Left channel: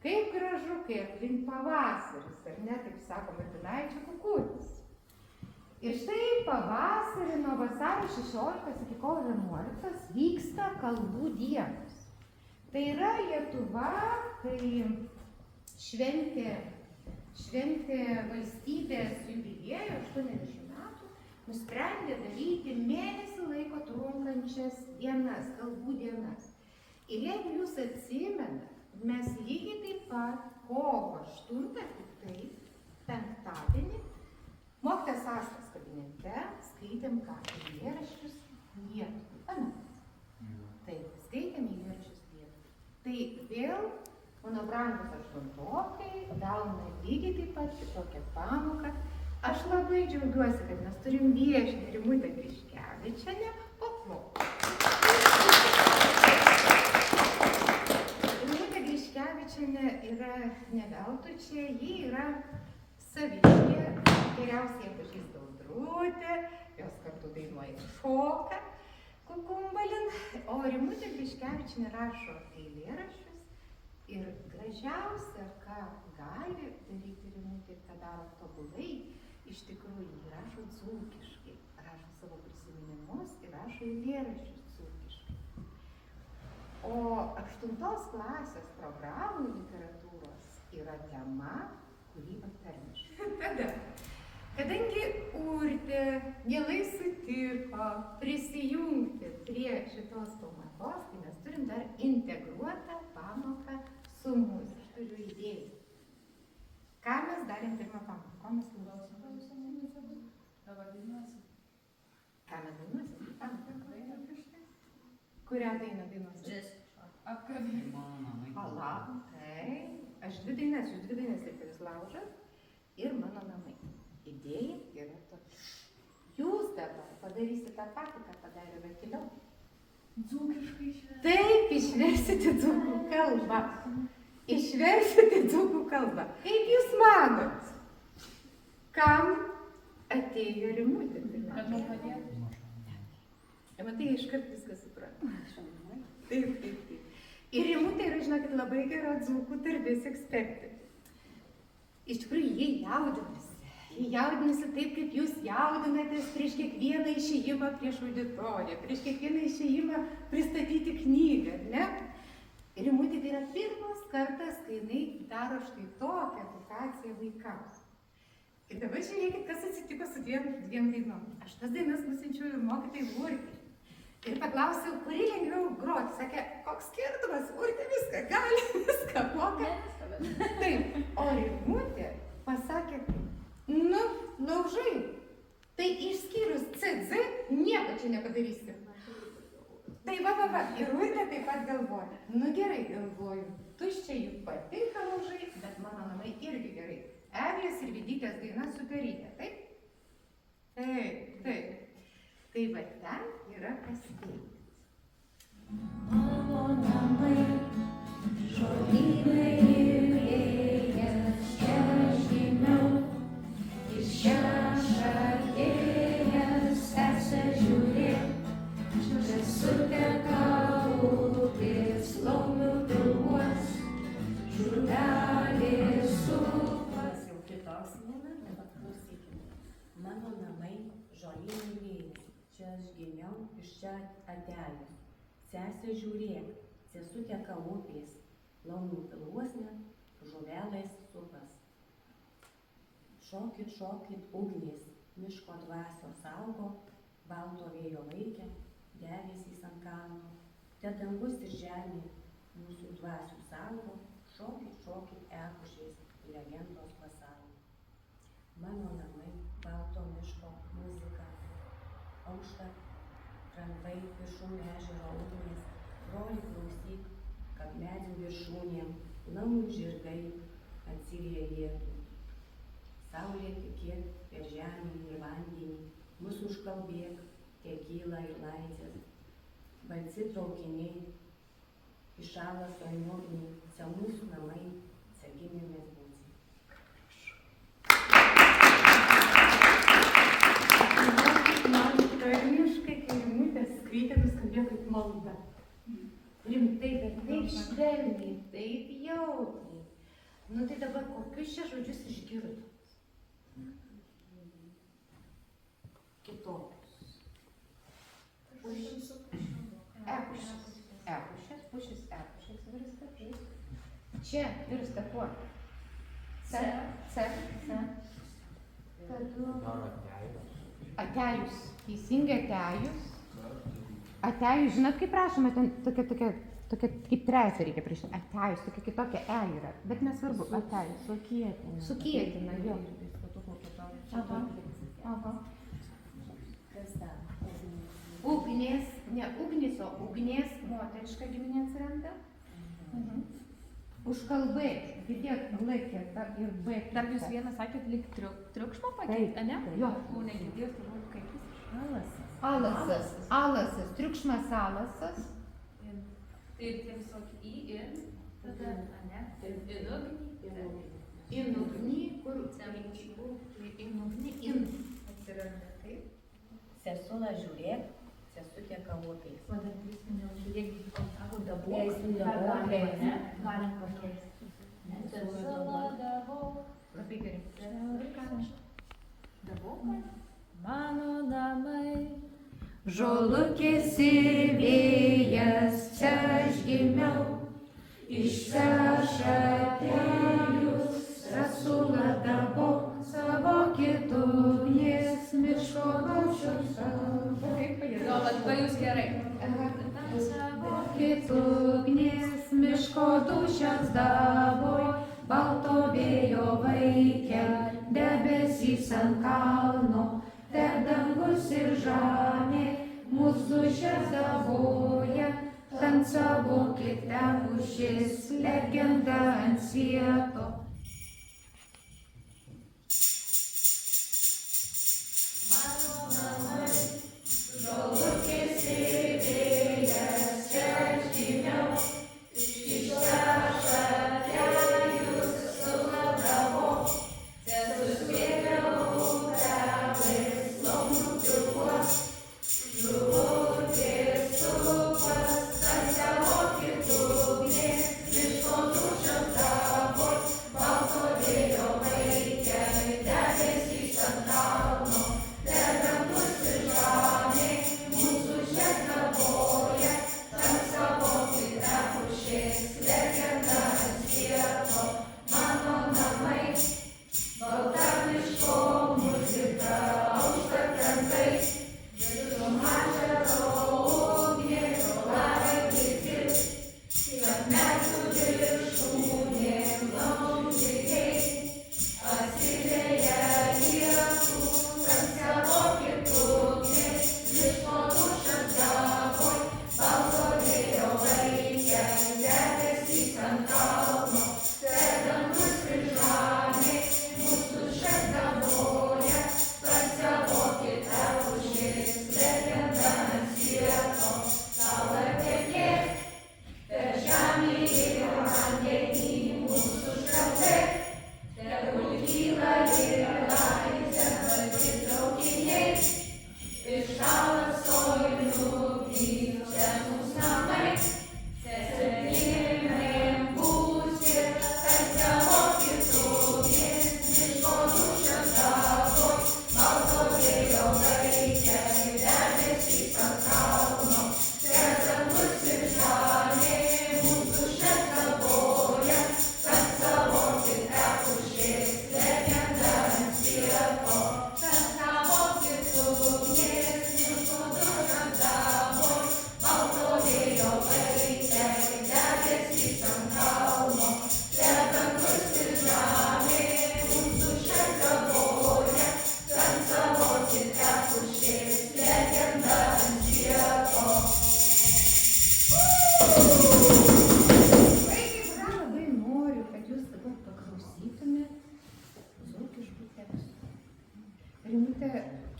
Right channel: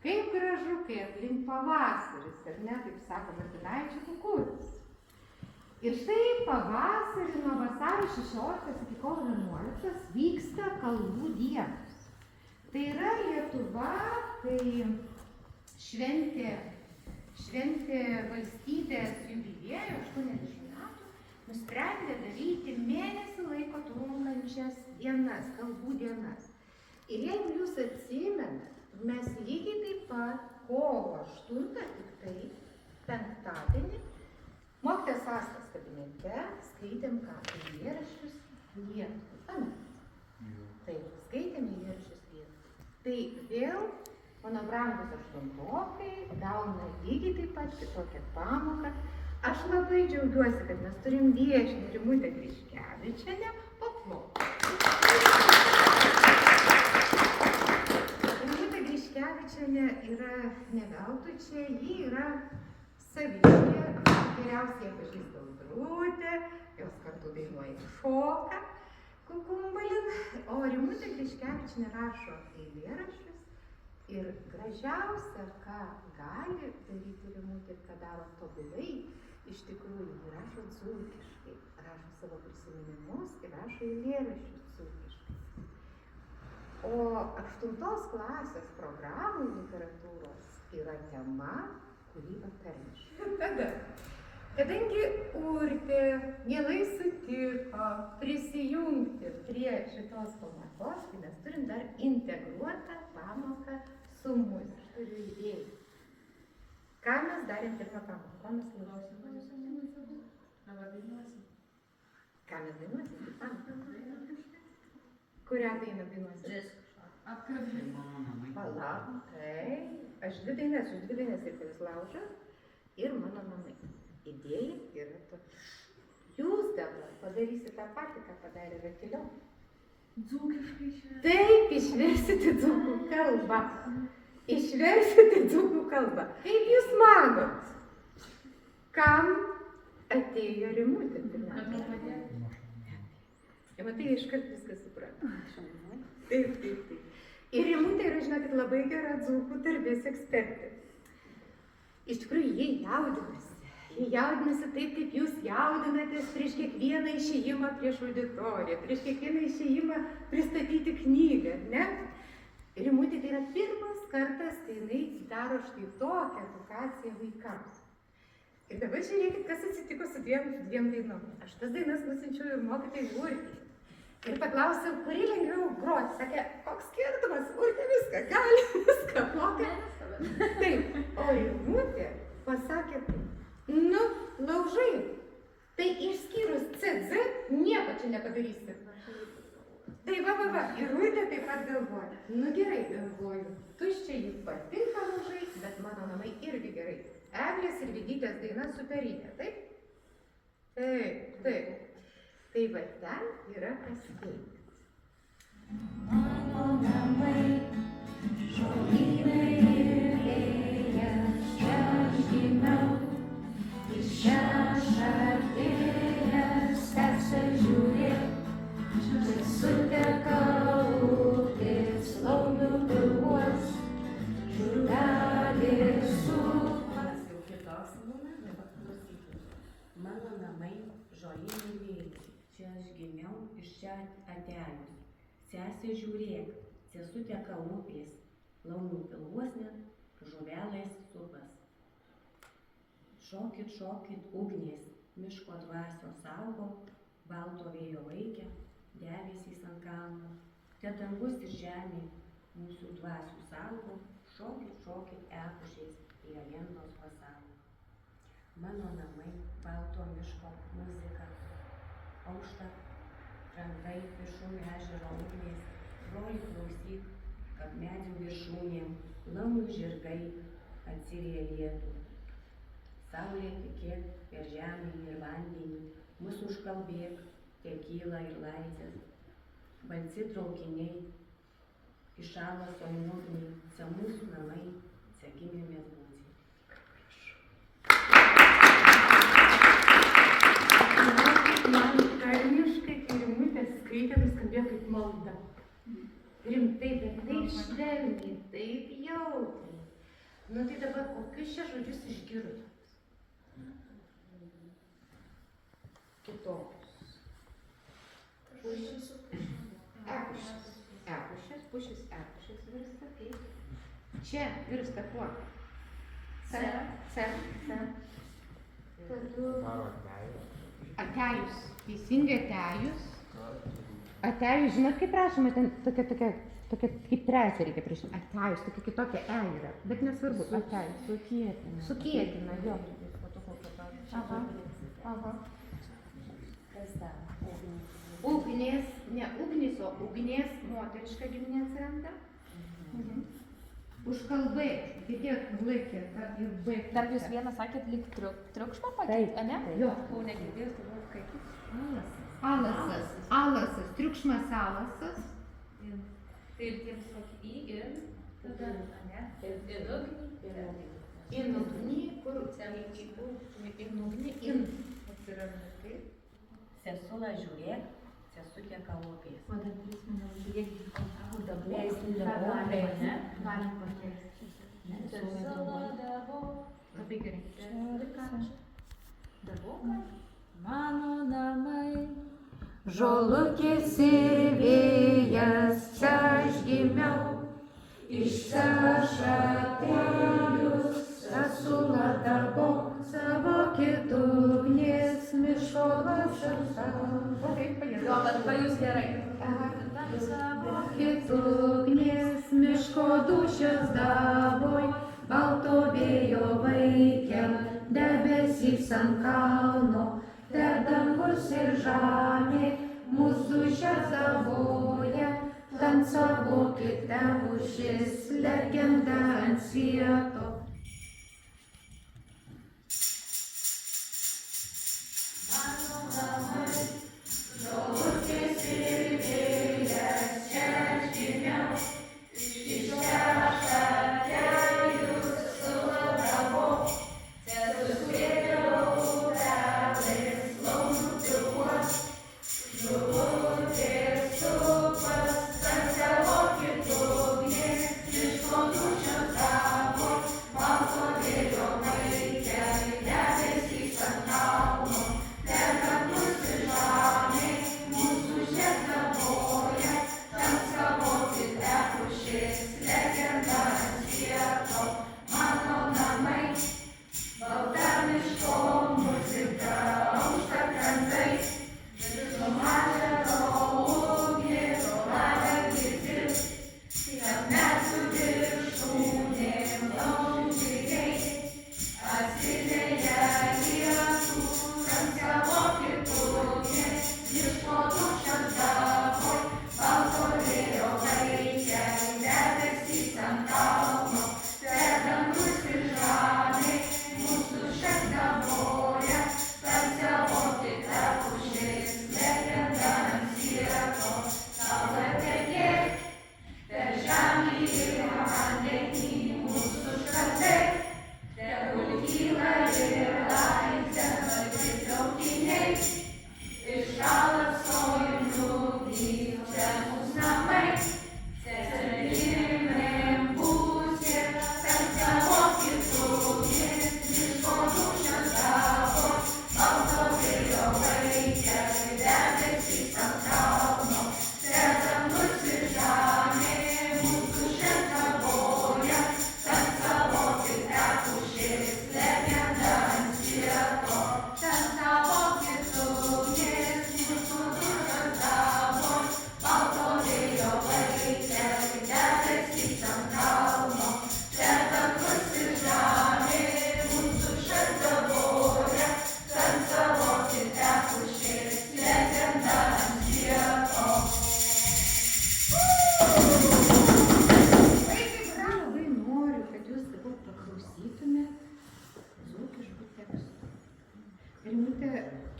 Kaip gražu, kai aplink pavasaris, ar ne, taip sako Martinaičio Kukutis. Ir štai pavasarį nuo vasario 16 iki kovo 11 vyksta kalbų dienos. Tai yra Lietuva, kai šventė valstybės jubiliejų 80 metų, nusprendė daryti mėnesį laiko trunkančias dienas, kalbų dienas. Ir jeigu jūs atsimenat, mes lygiai taip pat kovo 8, tik tai penktadienį, mokytojas Astas kabinete skaitėm ką, eilėraščius Lietuvai. Taip, skaitėm eilėraščius Lietuvai. Tai vėl mano brangus aštuntokai gauna lygiai taip pat kitokią pamoką. Aš labai džiaugiuosi, kad mes turim viešinį Rimutę Griškevičienę. Paplok. Rimutė Griškevičienė yra ne veltui čia, ji yra saviškė, geriausiai pažįsta Audrutė, jos kartu dainuoja ir šoka Kukumbalin, o Rimutė Griškevičienė rašo eilėraščius ir gražiausia, ką gali daryti Rimutė ir ką daro tobulai, iš tikrųjų ji rašo dzūkiškai, rašo savo prisiminimus ir rašo eilėraščius dzūkiškai. O 8 klasės programų literatūros yra tema, kurį aptarnėšiu. Tada, kadangi Urtė mielai sutiko prisijungti prie šitos pamokos, tai mes turim dar integruotą pamoką su muzika. Aš turiu idėją. Ką mes darėm pirmą pamoką? Ko mes klausom? Dabar dainuosim. Ką mes dainuosim? Kurią dainą dainuosim? Apkabinimo namai. Palauk, tai. Aš dvi dainas ir kuris lauža ir mano namai. Idėja yra tokia. Jūs dabar padarysite tą patį, ką padarė Vakiliau. Dzūkiškai čia. Taip, išversite dzūkų kalbą. Išversite dzūkų kalbą. Kaip jūs manot, kam atėjo Rimutė? Kad mums padėtų. Matai, iškart viską supranta. Taip. Ir Rimutė yra, žinokit, labai gera dzūkų tarmės ekspertė. Iš tikrųjų, jie jaudinasi. Jie jaudinasi taip, kaip jūs jaudinatės prieš kiekvieną išėjimą prieš auditoriją, prieš kiekvieną išėjimą pristatyti knygą, ne? Rimutė tai yra pirmas kartas, kai jinai daro štai tokią edukaciją vaikams. Ir dabar žiūrėkit, kas atsitiko su dviem dainom. Aš tas dainas nusinčiau ir mokytojai Urtei. Ir paklausiau, kurį lengviau groti. Sakė, koks skirtumas, Urtė viską gali, viską moka. Taip, o Rimutė pasakė, nu, laužai, tai išskyrus CZ nieko čia nepadarysi. Tai va, ir Urtė taip pat galvoja. Nu gerai, galvoju, tuščiai juk patinka laužai, bet mano namai irgi gerai. Eglės ir Vidytės daina superinė, taip? Taip. Tai va ten yra kas veikti. Mano namai, žolynai ir vėjas, čia aš gimiau, iš čia aš atėjęs, tarsi žiūrėk, čia suteka upės, laumių pilvuos, žurvelės su. Pas jau kitoks būna, dabar klausykime. Mano namai, žolynai vėjas, čia aš gimiau, iš čia atėjęs. Sesė žiūrėk, čia suteka upės, laumių pilvuosne, žuvelės supas. Šokit, ugnės, miško dvasios saugo, balto vėjo laikė, debesys ant kalno, te dangus ir žemė, mūsų dvasių saugo, šokit, epušiais, legendos pasaulio. Mano namai, balto miško muzika, aušta, krantai, viršum ežero ugnės, broli klausyk, kad medžių viršūnėm, lamų žirgai atsiriejėtų. Saulė tikėk per žemę ir vandenį, mus užkalbėk, tekyla ir laisvės. Balsi traukiniai, iššalo sojnuogniai, čia mūsų namai, čia gimėmės būti. Man tarmiškai, kai Rimutė skaitė, nuskambėjo kaip malda. Rimtai, bet taip švelniai, taip jaukiai. Nu tai dabar kokius čia žodžius išgirdo? Kitokius. Pušis. Epušis. Epušis, pušis, epušis virsta kaip. Čia virsta kuo? C. Atejus. Teisingai atejus. Atejus, žinot kaip rašoma, ten tokia kaip treisė reikia priešti. Atejus, tokia kitokia E yra, bet nesvarbu, atejus. Sukietina, jo. Aha. Kas dar? Ugnis, ne ugnis, o ugnies moteriška giminė atsiranda. Užkalbai, girdėt, laikė, ir B. Dar jūs vieną sakėt, lyg triukšmą Taip, pakeitė, ne? taip. Jo. Nu, negirdėjus, tai kaip jis? Alasas, alasas, triukšmas alasas. Ir tiems į ir tada, ne? In ugni, kur in ugni, in atsiranda, kaip? Sesula žiūrėk, sesutė kavopės. O dar prisiminiau, žiūrėk, dabar. Leistum dabar, ne? Galim pakeisti. Labai gerai. Mano namai, Žolukės ir vėjas, čia aš gimiau, iš čia atėjus, esuladavo savo kitugnies miško vašasavo. Jo, bet pajus gerai. Kitugnies miško dušas davoj, balto vėjo vaikė, debesys ant kalno, te dangus ir žemė, mūsų dušas davoja, tancavokite pušis, legenda ant svieto.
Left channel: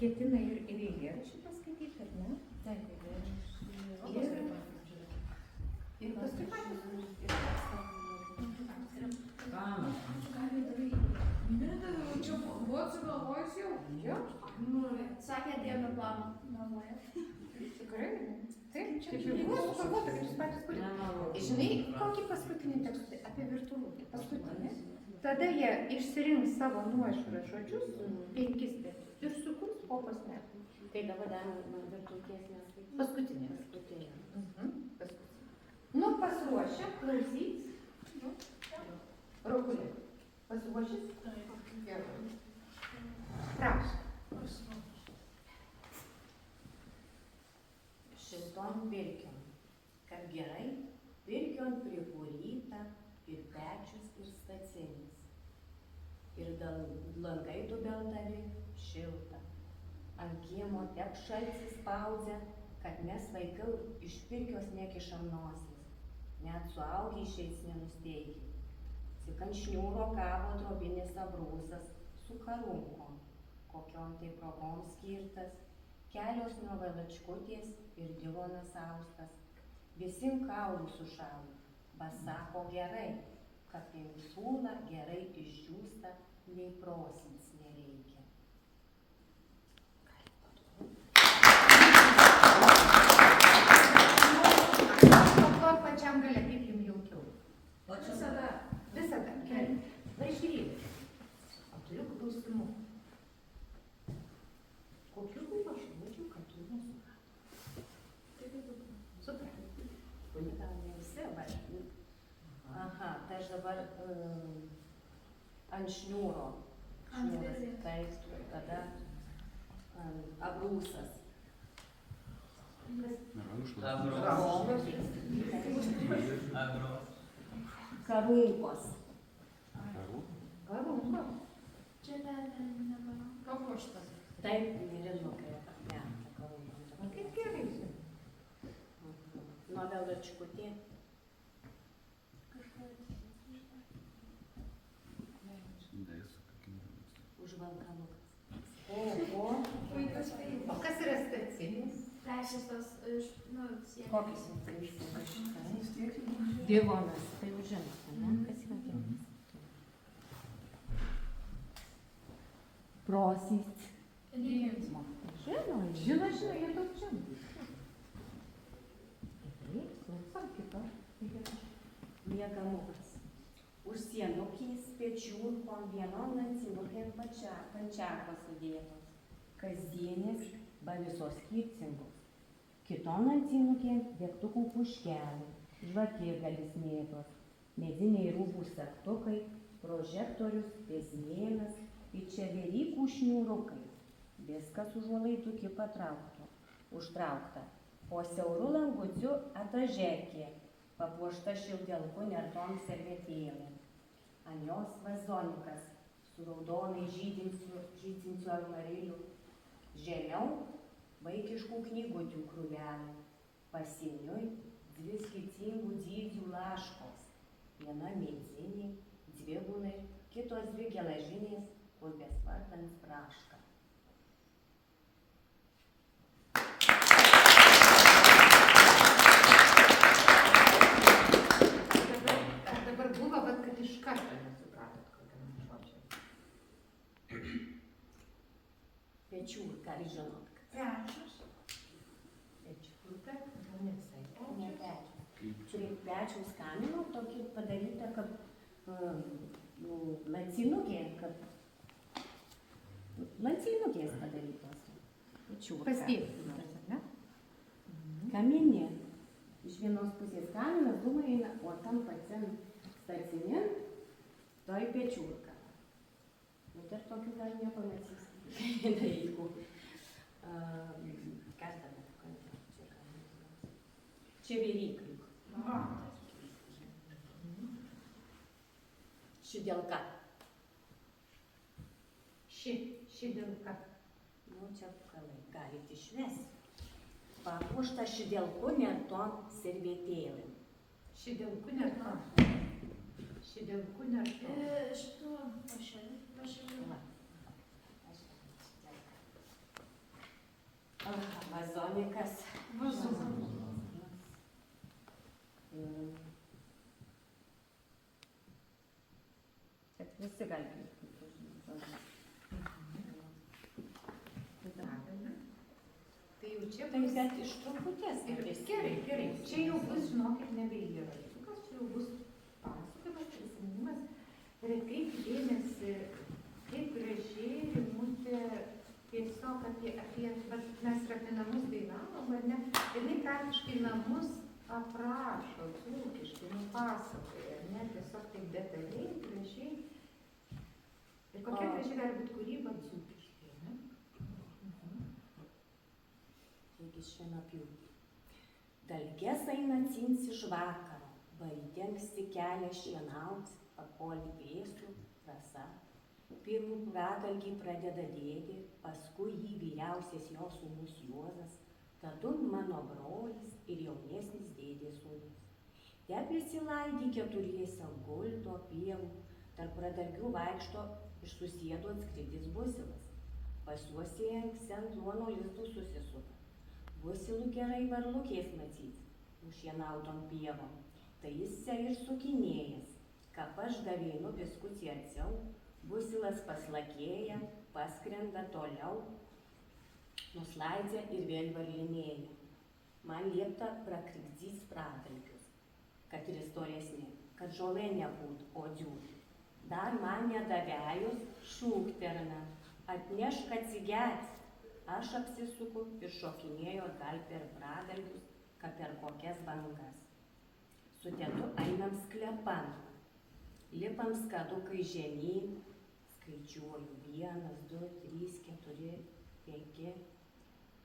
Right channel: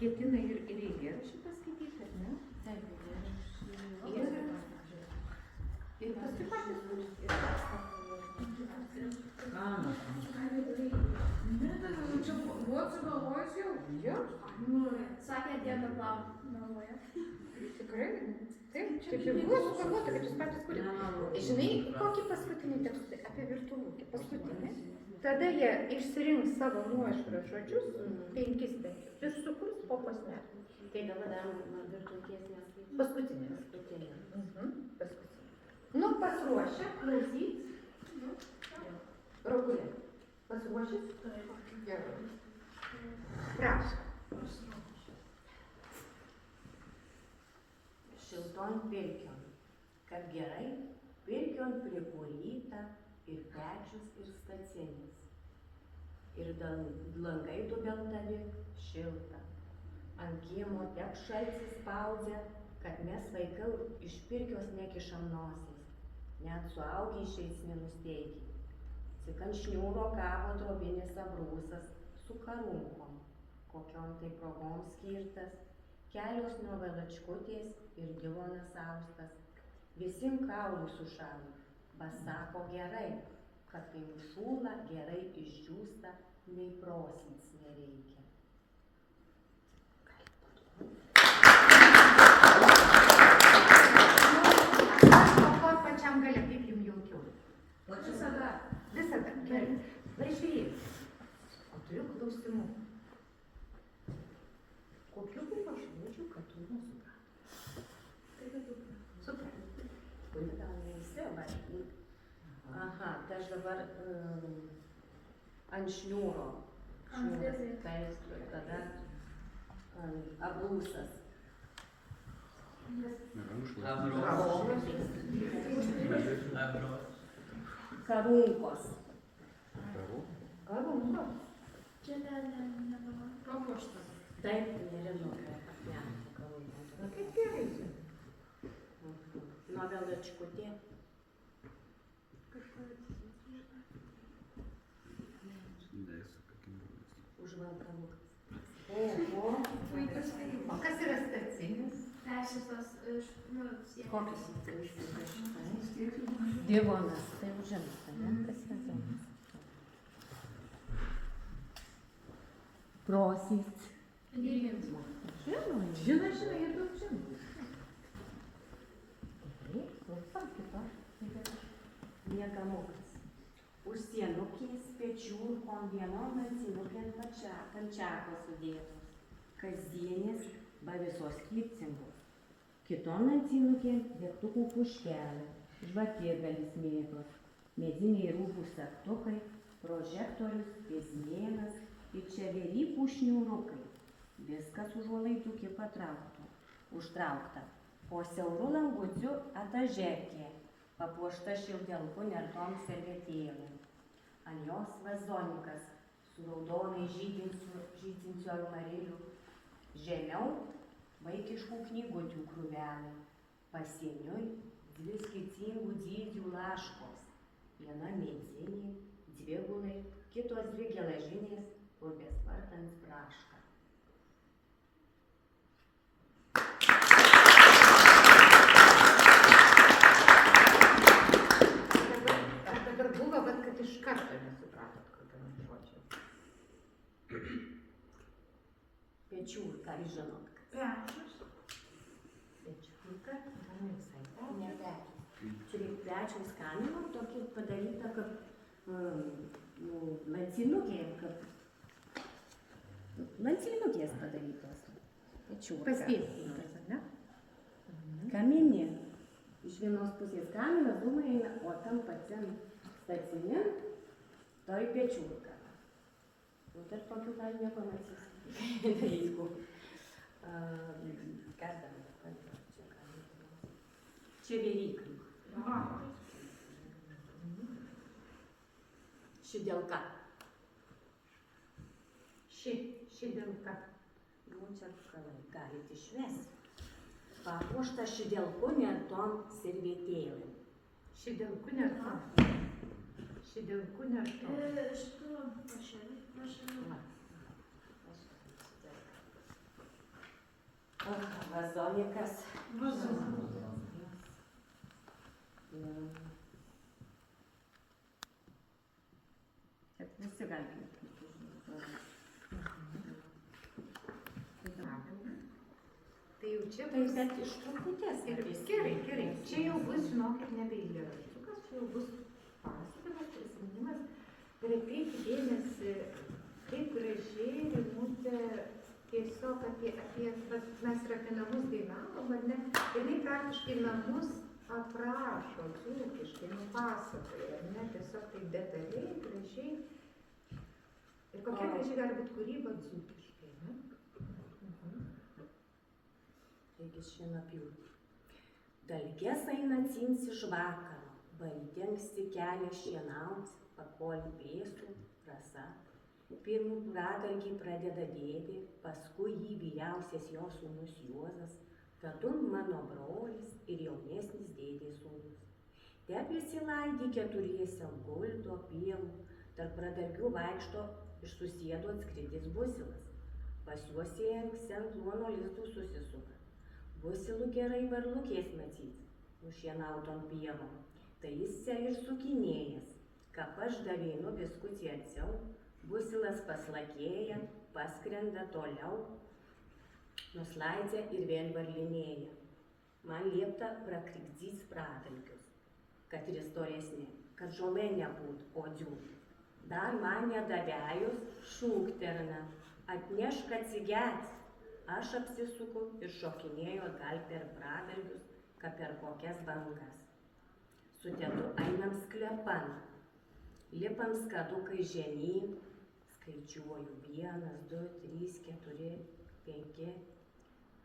Ketina ir eilėraštį paskaityti, ar ne? Taip, Ir paskui patys Čia buvo sugalvojus jau? Jo, sakė dieną plano, galvoja. tikrai. Taip, čia ir buvo sugalvota, kad jūs patys kurite. Žinai, kokį paskutinį tekstą apie virtuvę? Paskutinį? Tada jie išsirinks savo nuožiūros žodžius, 5 spėti, ir sukurs po posmelį. Tai dabar darom virtuvės Paskutinės. paskutinį. Paskutinė. Nu, pasiruošę, klausyt. Rogulė. Pasiruošęs? Gerai. Prašom. Šilton pirkion, kad gerai pirkion prikuryta ir pečius ir stacinis. Ir langai dubeltavi šilta. Ant kiemo tep šaltis spaudžia, kad mes vaikai iš pirkios nekišam nosis. Net suaugę išeis nenusteigia. Tik ant šniūro kavo drobinis abrūsas su karunkom, kokiom tai progom skirtas, kelios novelačkutės ir divonas austas. Visim kaulų sušalo, pasako gerai, kad kai užšūla gerai išdžiūsta, nei prosins nereikia. Paklot pačiam gale, kaip jums jaukiau. Visada. Visada. Gerai. Važiuojai. Turiu klausimų. Kokių buvo žodžių, kad tu muzika? Super. Gal ne visi, bet... Aha, tai aš dabar ant šniūro. Ant vizės. Taip, tada abrūsas. Karunkos. Karunko. Čia dar nebuvo. Kapuštas. Taip, nerinukai. Ne, karunkos. Kaip gerai. Novelačkutė. Užvalkamukas. Oho. O kas yra stacinis? Teisės tos iš, Kokius? Divonas. Tai jau žinote, ne? Kas yra divonas? Prosys. Žino, Žino, jie daug žino. Taip, klausom kito. Miegamukas. Už sienukės pečių vienom lancinukėm pančiako sudėtos. Kasdienės, ba visos skirtingos. Kitom lancinukėm degtukų puškelė, žvakėgalis mėtos, mediniai rūbų segtukai, prožektorius, pėsmėnas ir čia velykų šniūrukai. Viskas užuolaidukį užtraukta. Po siauru languciu adažekė, papuošta šildelku nertom servetėlėm. Ant jos vazonikas su raudonai žydinčiu almariliu. Žemiau vaikiškų knygutių krūvelė. Pasieniui 2 skirtingų dydžių laškos. Viena medinė, 2 gulai, kitos 2 geležinės, kur bespartant praška. Dabar buvo, bet kad iš karto nesupratot, kokiam žodžiu. Pečiūrka, žinot. Pečius. Pečiūrka, ne visai. Ne pečius. Čia pečiaus kamino tokį padaryta, kad lancinukės padarytos. Pečiūrka. Pasdėstytas, ne? Kaminė. Iš vienos pusės kaminas dūmai eina, o tam pačiam stacinėm toj pečiūrka. Nu, dar tokių gal nepamatysi. Jeigu. Kas dabar? Čia vėryklių. Šidelka. Šidelka. Nu, čia galite išvesti. Papuošta šidelku nertom servetėlėm. Šidelku nertom. Šidelku nertom. Šitų pašėlių. Vazonikas. Čia visi gali būti. Tai jau čia Tai bus. bet iš truputės. Gerai. Čia jau bus, žinokit, nebe įrašukas, čia jau bus pasakojimas, prisiminimas. Ir Ir atkreipkite dėmesį, kaip gražiai Rimutė tiesiog vat mes ir apie namus dainavom, ar ne? Ir jinai praktiškai namus aprašo dzūkiškai, nupasakoja, ar ne? Tiesiog taip detaliai, gražiai. Ir kokia gražiai gali būti kūryba dzūkiškai, ne? Taigi šienapjūtė. Dalges eina cinsi žvakaro, baidengsi kelią šienauts, pakoli vėsų, rasa. Pirmų pradalgį pradeda dėdė, paskui jį vyriausias jo sūnus Juozas, tadun mano brolis ir jaunesnis dėdės sūnus. Te prisilaidį keturiese gulto pievų, tarp pradalgių vaikšto iš susėdo atskridis busilas. Pas juos ėnks ant luono lizdų susisuka. Busilų gerai varlukės matyt, nušienautom pievom. Tai jis se ir sukinėjęs, kap aš davėnu biskutį arčiau, busilas paslakėja, paskrenda toliau, nuslaidžia ir vėl varlinėja. Man liepta prakrikdys pradalgius, kad ir istoresnė, kad žolė nebūt, o dziūti. Dar man nedavėjus šūkterna, atnešk atsigert. Aš apsisuku ir šokinėjo gal per pradalgius, kad per kokias bangas. Su tėtu einam sklepan, lipam skadukai žemyn, skaičiuoju 1, 2, 3, 4, 5,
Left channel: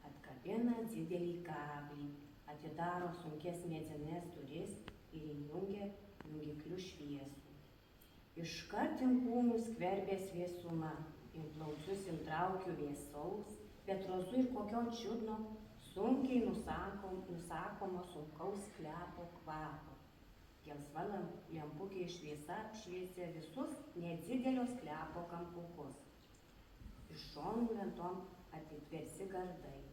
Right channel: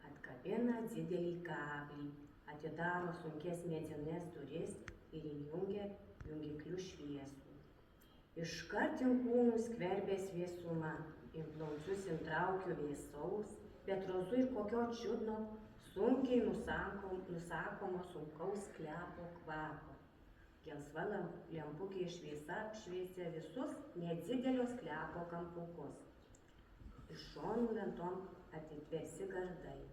atkabina didelį kablį, atidaro sunkes medines duris ir įjungia jungiklių šviesų. Iškart inkūnų skverbės vėsuma, implaučius intraukiu vėsaus, bet rozu ir kokio čiudno, sunkiai nusakomo sunkaus sklepo kvapo. Gelsva lempukė šviesa šviesia visus nedidelio sklepo kampukus. Iš šonų lentom atitversi gardai.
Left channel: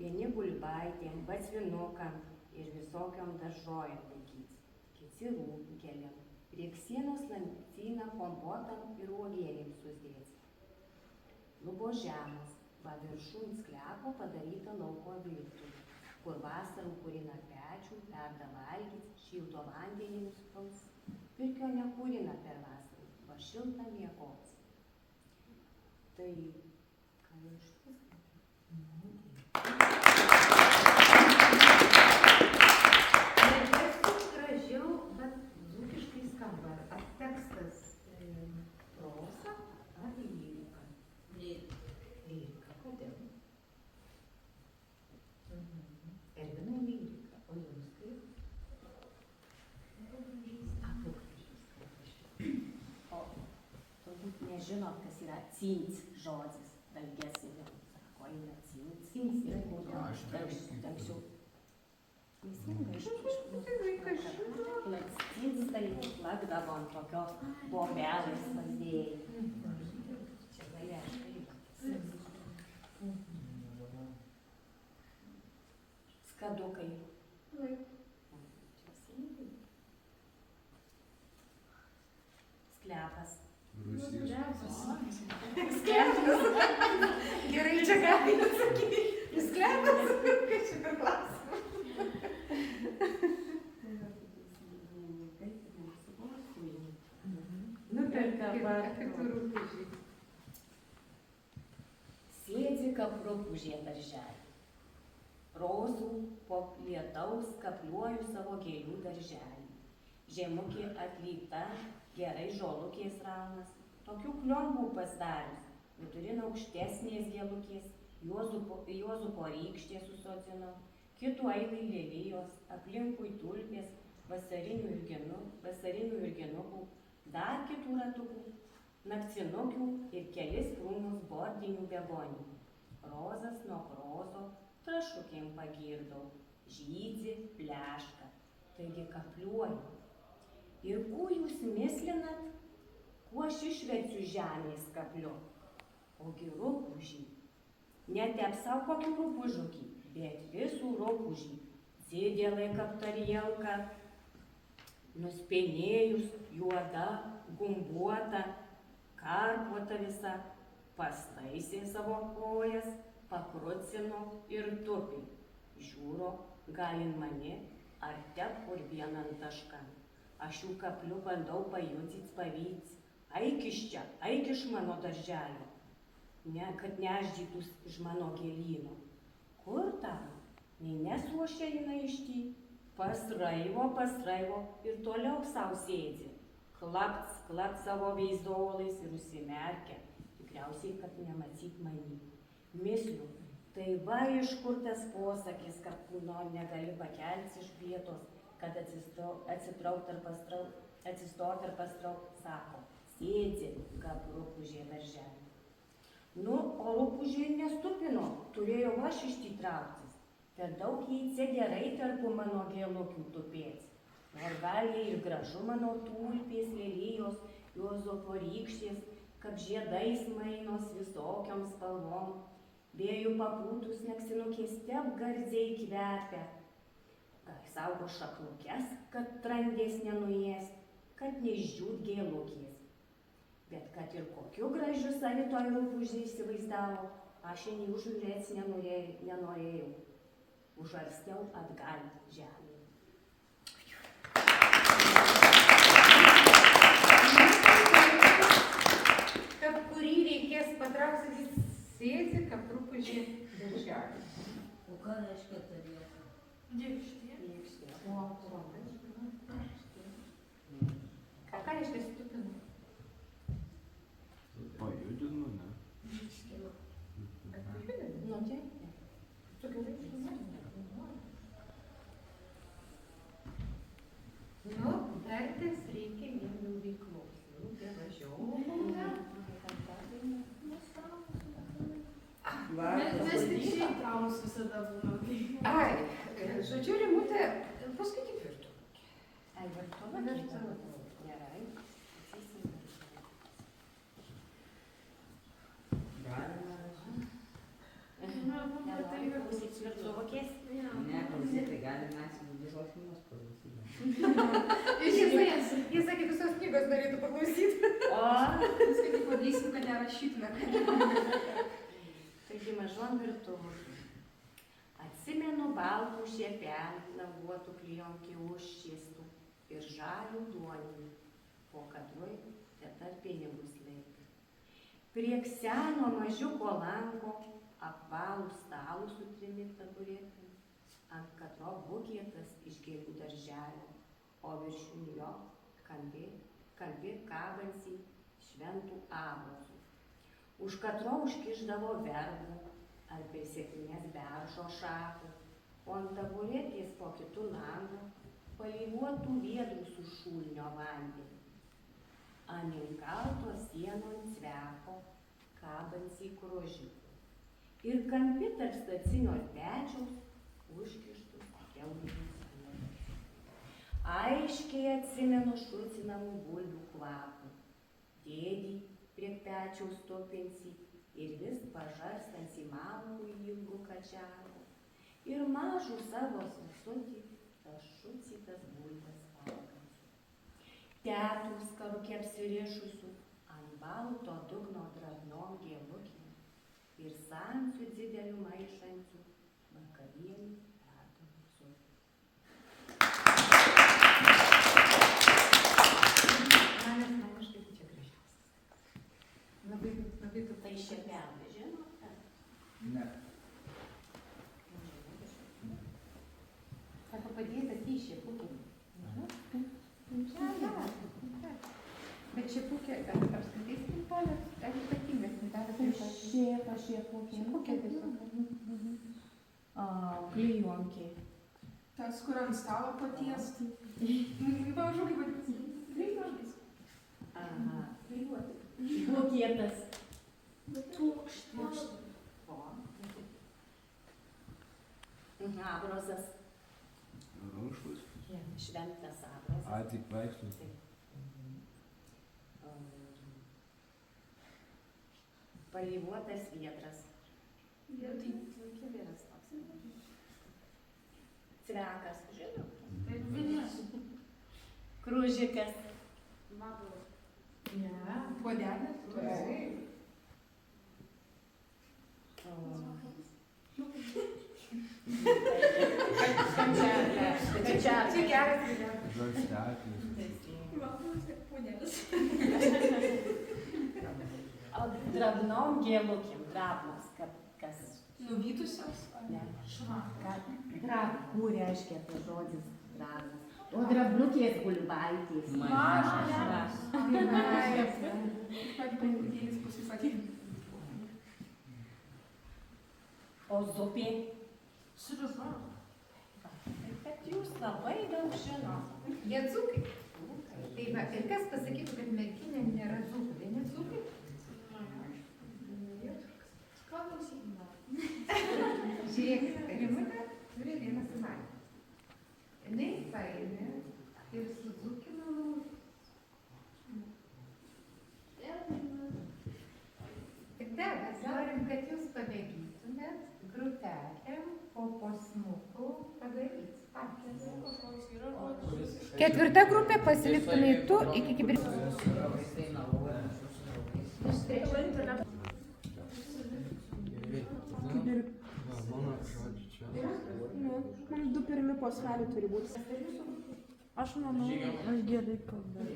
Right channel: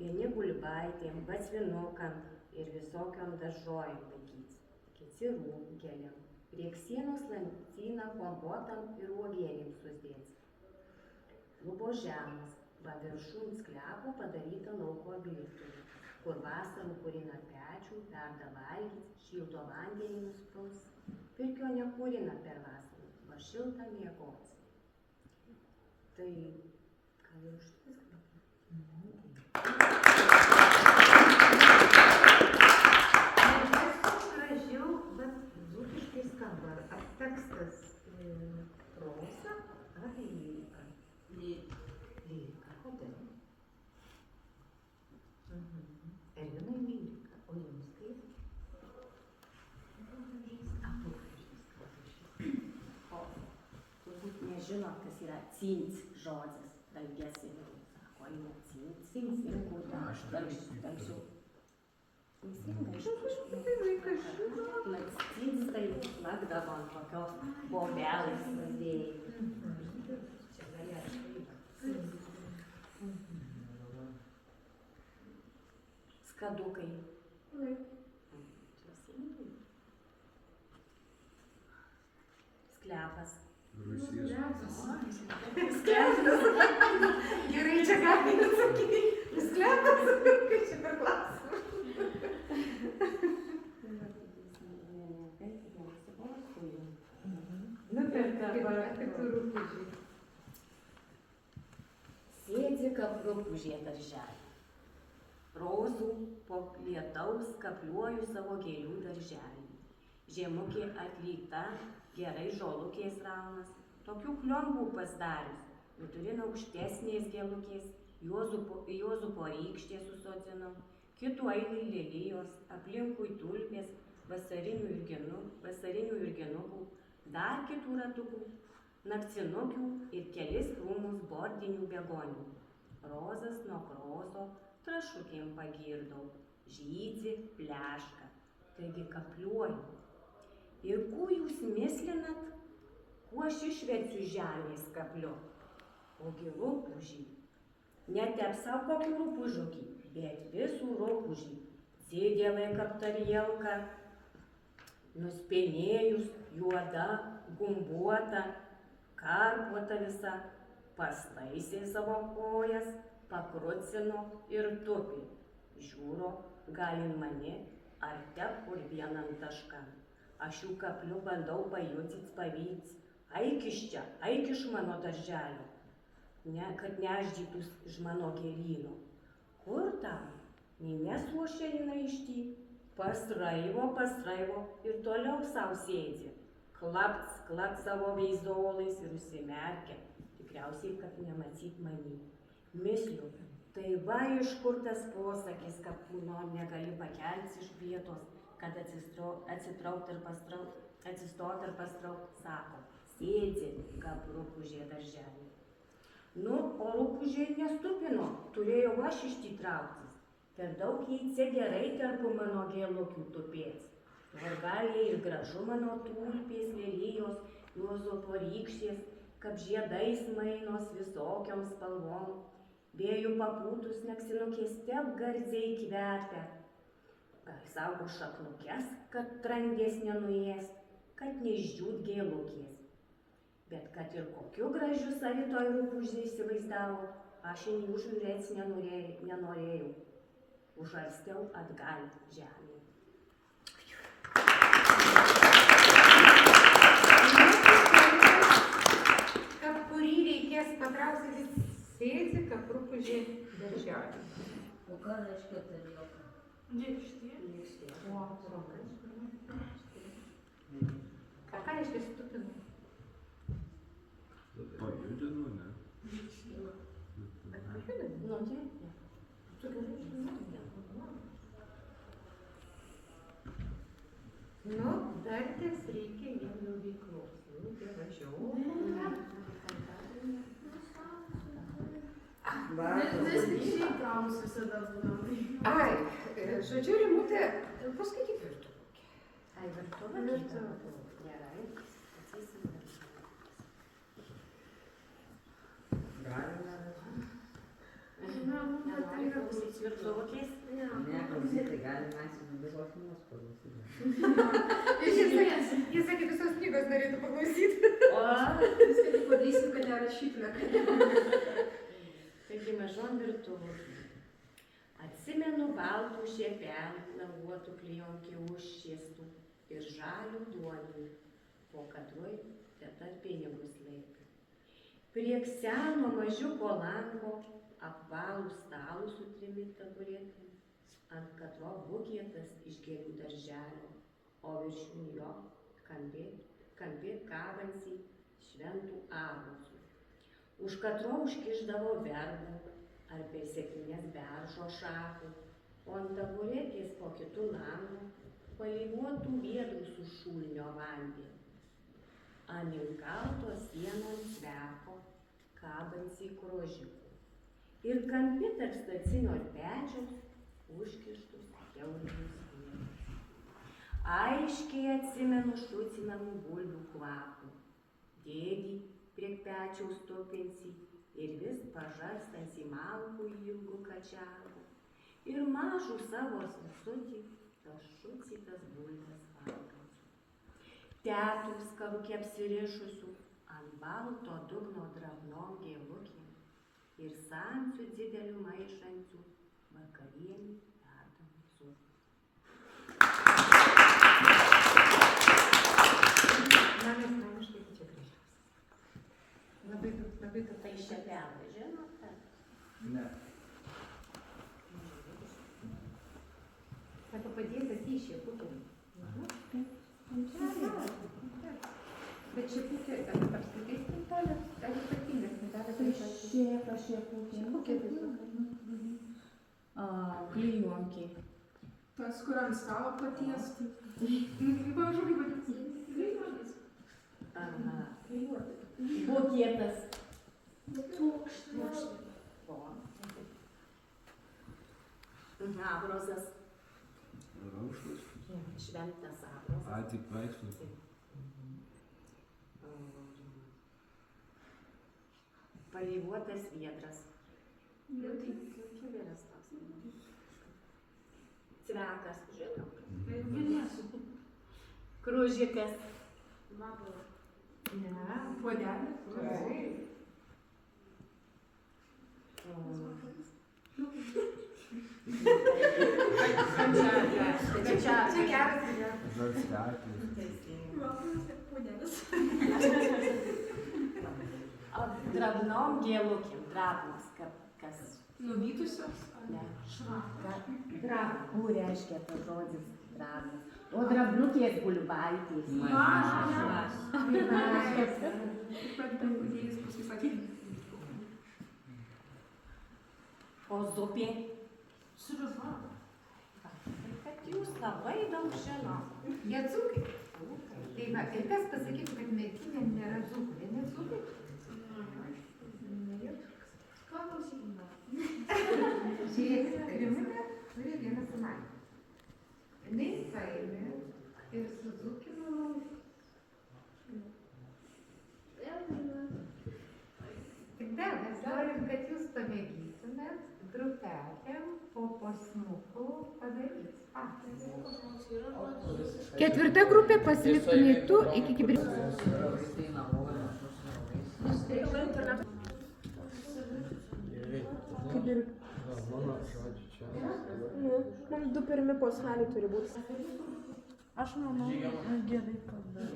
Vieni bulbaitėm, batsvinukam ir visokiam daržojam laikyt. Kiti rūgėlėm. Rieksienos lancyną kompotam ir uogienėm susidėti. Lubo žemas, va viršun sklepų padaryta lauko virtuvė, kur vasarų kurina pečių, verda valgyt, šilto vandenį nuspaus. Pirkio nekūrina per vasarą, va šiltą miegot. Tai, ką jau šitas gražiau, bet dzūkiškai skamba. Ar tekstas proza, ar lyrika? Lyrika, kodėl? Ervinai lyrika, o jums kaip? O turbūt nežinot, kas yra cins žodis, dalges ir sako, eina cins, cins ir kūdė, telksiu. Teisingai, lakstys tai lakdavo ant tokio bobelės valdėjai. Čia galėjo štai. Skadukai. Sklepas. Gerai, čia galime atsakyti. Sklepas, kaip čia per klausimą. Sėdzi kaprupūžė darželį. Rozų po lietaus kapliuoju savo gėlių darželį. Žemukė atlyta, gerai žolukės raunas, tokių kliombų pasidarius, nuturino aukštesnės gėlukės, Juozupo rykštės susodzinau, kitų eilai lelijos, aplinkui tulpės, vasarinių irginukų, dar kitų ratukų, nakcinukių ir kelis krūmus bordinių begonių. Rozas nuo krozo trašukėm pagirdau, žydzi, pleška, taigi kapliuoju. Ir kuo jūs mislinat, kuo aš išverčiu žemės kapliu? Ogi rupūžį. Netepsau kokių rupūžukį, bet visų rupūžį. Sėdėlai kaptarielka, nuspėnėjus, juoda, gumbuota, karpuota visa, pastaisė savo kojas, pakrucino ir tupi. Žiūro, galin mani, ar te kur vienan tašką. Aš jų kapliu bandau pajudit pavyts, Eik iš čia, eik iš mano darželio, kad neždytus iš mano gėlyno. Kur tam? Nei nesruošia jinai iš ty, pasraivo ir toliau savo sėdzi. Klakt savo veizdolais ir užsimerkia, tikriausiai, kad nematyt manį. Misliu, tai va iš kur tas posakis, kad kūno negali pakelti iš vietos, kad atsistot ir pastraukt, sako, sėdzi, kaip rupūžė darželį. Nu, o rupūžė nestupino, turėjo aš iš ty trauktis. Per daug jį gerai tarpu mano gėlokių tupėts. Ar gal jie ir gražu mano tulpės, lelijos, juozopo rykštės, kaip žiedais mainos visokiom spalvom. Vėjų papūtus naksinukės tep gardziai kvepia. Gal saugo šaknukes, kad trandės nenuės, kad neišdžiūt gėlokės. Bet kad ir kokiu gražiu savitoj rupūžė įsivaizdavo, aš į jį užžiūrėti nenorėjau. Užarstiau atgal žemė. Kad kurį reikės patraukti, sėdzi, kaip rupūžė darželį. O ką reiškia ta vieta? Dėkštė. Ką reiškia stupinu? Pajudinu, ne? Nu, taip, Nu, dartis reikia vien veiklos. Nu, tai važiuoju. Mes tik šiaip pramus visada būnam. Ai, žodžiu, Rimutė, paskaityk virtuvę. Ai, virtuvė? Gerai. Man patinka Klausyt virtuvokės? Ne, klausyti galima visos šeimos klausyti. Jis sakė, visos knygos norėtų paklausyti. O, Viską padarysim, kad nerašytume. taigi mažon virtuvokė. Atsimenu baltų šiepenų, languotų klijonkių užšiestų ir žalių duonių, po kadroj teta pinigus laikė. Prie seno mažiuko lango apvalų stalų su trimis taburetėmis, ant katro bukėtas iš gėlių darželio, o viršūn jo kampi kabansi šventų abrosų. Už katro užkišdavo verbų ar prie sėkmės beržo šakų, o ant taburetės po kitų langų palyvuotų viedrų su šulinio vandenį. Ant inkalto sienon cveko kabansi krožiukų. Ir kampi tarp stacinio pečiaus užkištus kiaulinius vėlius. Aiškiai atsimenu šucinamų bulvių kvapų. Dėdį prie pečiaus topinsi ir vis pažarstansi malkų ilgų kačiarų. Ir mažų savo sesutį tas šucitas bulves valgančių. Tetų skaruke apsirišusių ant balto dugno drabnom gėlukėm ir samsių didelių maišančių vakarienį verdamų cukrų. Man asmeniškai čia gražiausias. Labai daug. Tai šiepenų, žinote? Ne. Sako, padėtas į šiepukį. Bet šiepukė, ten apskritai spintelės, ar ypatingas spintelės? Šiepukė visokia. Klijonkiai. Tas, kur ant stalo patiesti. Pamažu kaip vadinasi. Aha. Bukėtas. Tūkštas. Abrozas. Raušus. Šventas abrozas. A, tik vaikštus. Palyvuotas viedras. Kibiras toks. Cvekas, žinau. Kružikas. Ne, Puodelis. taip. Čia Čia geras. Žalsteklis. Puodelis. drabnom gėlukėm, drabnos, kas, Nuvytusios ar ne, švarą? drabų reiškia tas žodis drabnas. O drabliukės gulbaitės. Mažas. Pat pankutėlis pasisakė. O zupė. Sriuba. Tai kad jūs labai daug žinot. Jie dzūkai. Tai va, ir kas pasakytų, kad merkinė nėra dzūkų, tai ne dzūkai? Žiūrėkit, Rimutė turi vieną sumanymą. Jinai paėmė ir sudzūkino laužus. Tik dar mes norim, kad jūs pamėgytumėt grupelėm po posmukų padaryti. Ketvirta grupė pasiliktumai tu iki kibirkščių. Vaikai naloja, Mano žodžiu čia. Nu, man 2 pirmi posmeliai turi būti. Aš manau, aš gerai kalbu.